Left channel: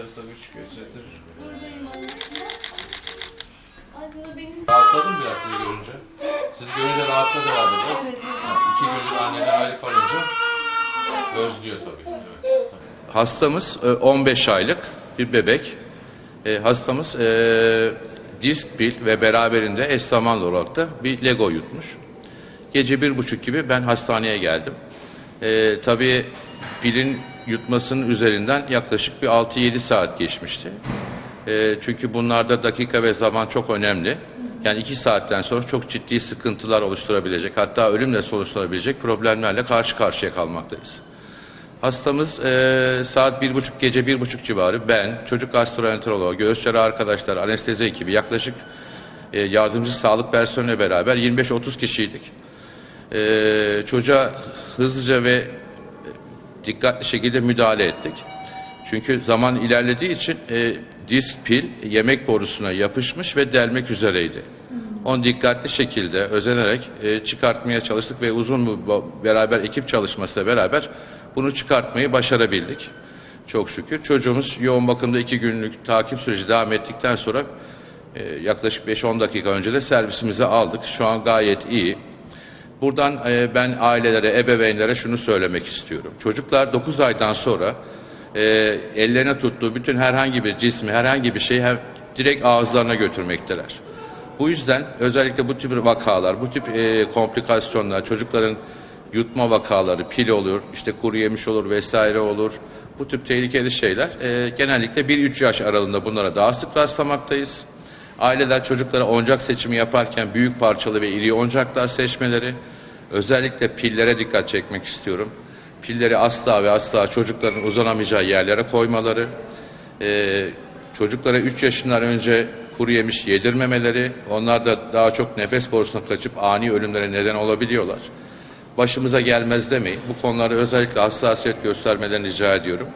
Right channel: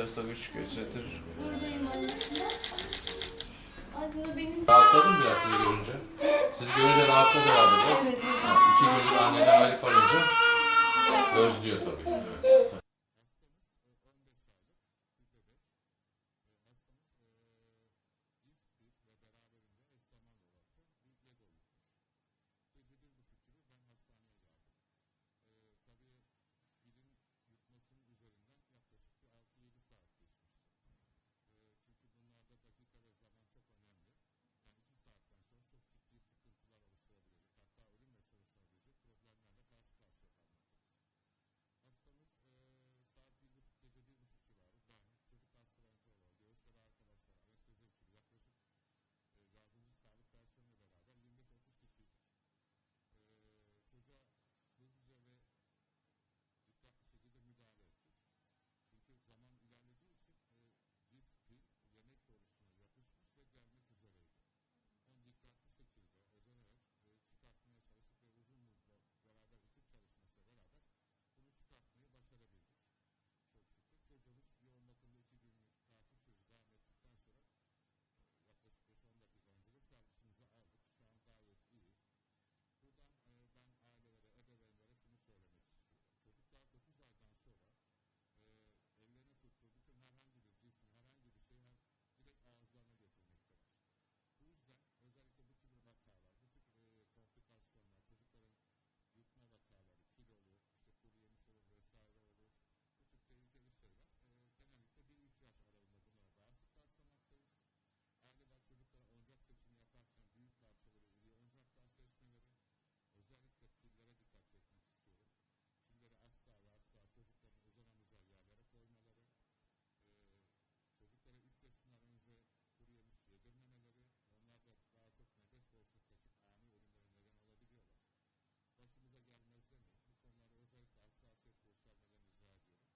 sarısavuç gözetir. Buradayım aslında. Aslında biraz sizi görünce. Siz görünce rahatladı herhalde. Evet. İki gündür anneden ayrı kalınca özlüyor tabii. Evet. Hastamız e, 15 aylık bir bebek. E, hastamız e, disk pil ve beraberinde eş zamanlı olarak da bir Lego yutmuş. Gece bir buçuk gibi ben hastaneye geldim. Ee, tabii pilin yutmasının üzerinden yaklaşık bir 6-7 saat geçmişti. E, çünkü bunlarda dakika ve zaman çok önemli. Yani iki saatten sonra çok ciddi sıkıntılar oluşturabilecek, hatta ölümle sonuçlanabilecek problemlerle karşı karşıya kalmaktayız. Hastamız e, saat bir buçuk gece bir buçuk civarı ben, çocuk gastroenteroloğu, göğüs cerrahı arkadaşlar, anestezi ekibi yaklaşık e, yardımcı sağlık personeli beraber 25-30 kişiydik. E, çocuğa hızlıca ve dikkatli şekilde müdahale ettik. Çünkü zaman ilerlediği için e, disk pil yemek borusuna yapışmış ve delmek üzereydi. Onu dikkatli şekilde özenerek e, çıkartmaya çalıştık ve uzun bir beraber ekip çalışmasıyla beraber bunu çıkartmayı başarabildik. Çok şükür. Çocuğumuz yoğun bakımda iki günlük takip süreci devam ettikten sonra e, yaklaşık 5-10 dakika önce de servisimize aldık. Şu an gayet iyi. Buradan e, ben ailelere, ebeveynlere şunu söylemek istiyorum. Çocuklar 9 aydan sonra e, ellerine tuttuğu bütün herhangi bir cismi, herhangi bir şeyi direkt ağızlarına götürmekteler. Bu yüzden özellikle bu tip vakalar, bu tip e, komplikasyonlar, çocukların yutma vakaları, pil olur, işte kuru yemiş olur vesaire olur. Bu tip tehlikeli şeyler genellikle 1-3 yaş aralığında bunlara daha sık rastlamaktayız. Aileler çocuklara oyuncak seçimi yaparken büyük parçalı ve iri oyuncaklar seçmeleri, özellikle pillere dikkat çekmek istiyorum. Pilleri asla ve asla çocukların uzanamayacağı yerlere koymaları, e, çocuklara 3 yaşından önce kuru yemiş yedirmemeleri, onlar da daha çok nefes borusuna kaçıp ani ölümlere neden olabiliyorlar. Başımıza gelmez demeyin. Bu konularda özellikle hassasiyet göstermelerini rica ediyorum.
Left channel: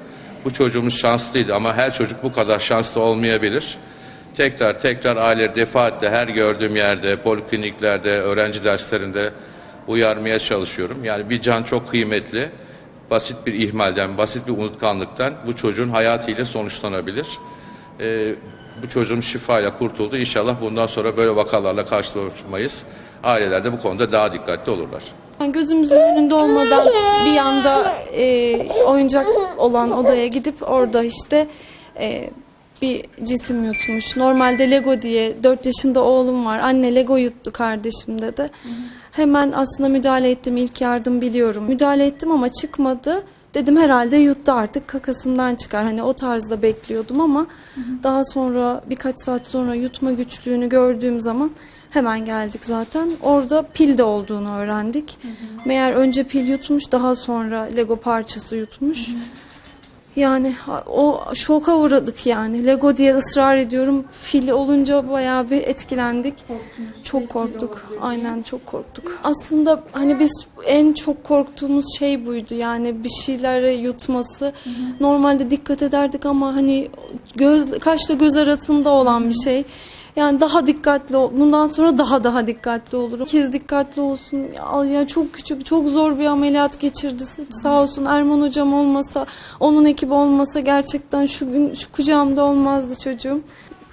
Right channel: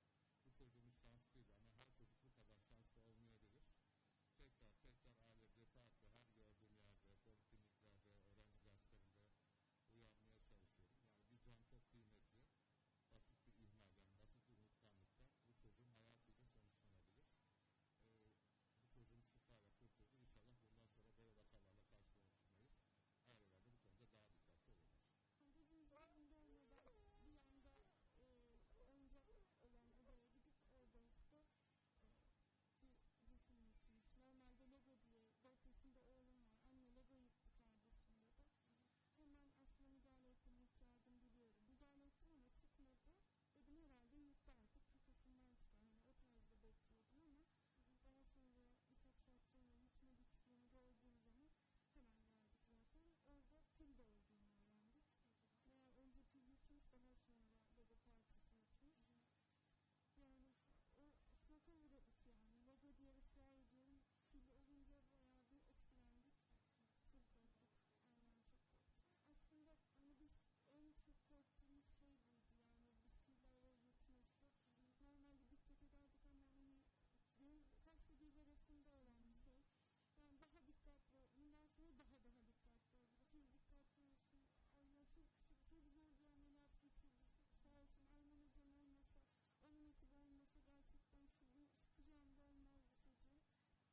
Bu çocuğumuz şanslıydı ama her çocuk bu kadar şanslı olmayabilir. Tekrar tekrar aile defaatle her gördüğüm yerde, polikliniklerde, öğrenci derslerinde uyarmaya çalışıyorum. Yani bir can çok kıymetli. Basit bir ihmalden, basit bir unutkanlıktan bu çocuğun hayatıyla sonuçlanabilir. Ee, bu çocuğun şifayla kurtuldu. İnşallah bundan sonra böyle vakalarla karşılaşmayız. Aileler de bu konuda daha dikkatli olurlar. Gözümüzün önünde olmadan bir anda e, oyuncak olan odaya gidip orada işte e, bir cisim yutmuş. Normalde Lego diye 4 yaşında oğlum var. Anne Lego yuttu kardeşim dedi. Hemen aslında müdahale ettim. İlk yardım biliyorum. Müdahale ettim ama çıkmadı. Dedim herhalde yuttu artık kakasından çıkar. Hani o tarzda bekliyordum ama daha sonra birkaç saat sonra yutma güçlüğünü gördüğüm zaman hemen geldik zaten. Orada pil de olduğunu öğrendik. Meğer önce pil yutmuş daha sonra Lego parçası yutmuş. Yani o şoka uğradık yani. Lego diye ısrar ediyorum. Fil olunca bayağı bir etkilendik. Çok korktuk. Aynen çok korktuk. Aslında hani biz en çok korktuğumuz şey buydu. Yani bir şeyleri yutması. Normalde dikkat ederdik ama hani göz kaşla göz arasında olan bir şey. Yani daha dikkatli. Bundan sonra daha daha dikkatli olurum. Kez dikkatli olsun. Ya, ya çok küçük, çok zor bir ameliyat geçirdi. Sağ olsun Erman hocam olmasa, onun ekibi olmasa gerçekten şu gün şu kucağımda olmazdı çocuğum.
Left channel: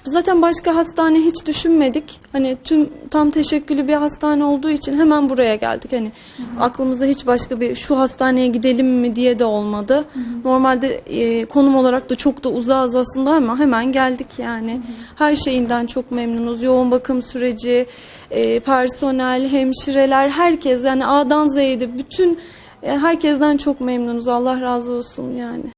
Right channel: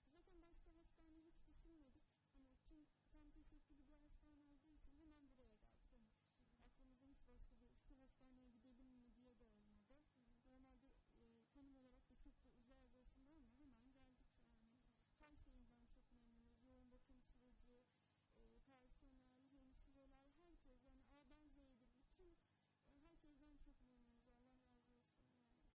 Zaten başka hastane hiç düşünmedik. Hani tüm tam teşekküllü bir hastane olduğu için hemen buraya geldik. Hani aklımızda hiç başka bir şu hastaneye gidelim mi diye de olmadı. Normalde e, konum olarak da çok da uzağız aslında ama hemen geldik yani. Her şeyinden çok memnunuz. Yoğun bakım süreci, e, personel, hemşireler, herkes yani A'dan Z'ye de bütün e, herkesten çok memnunuz. Allah razı olsun yani.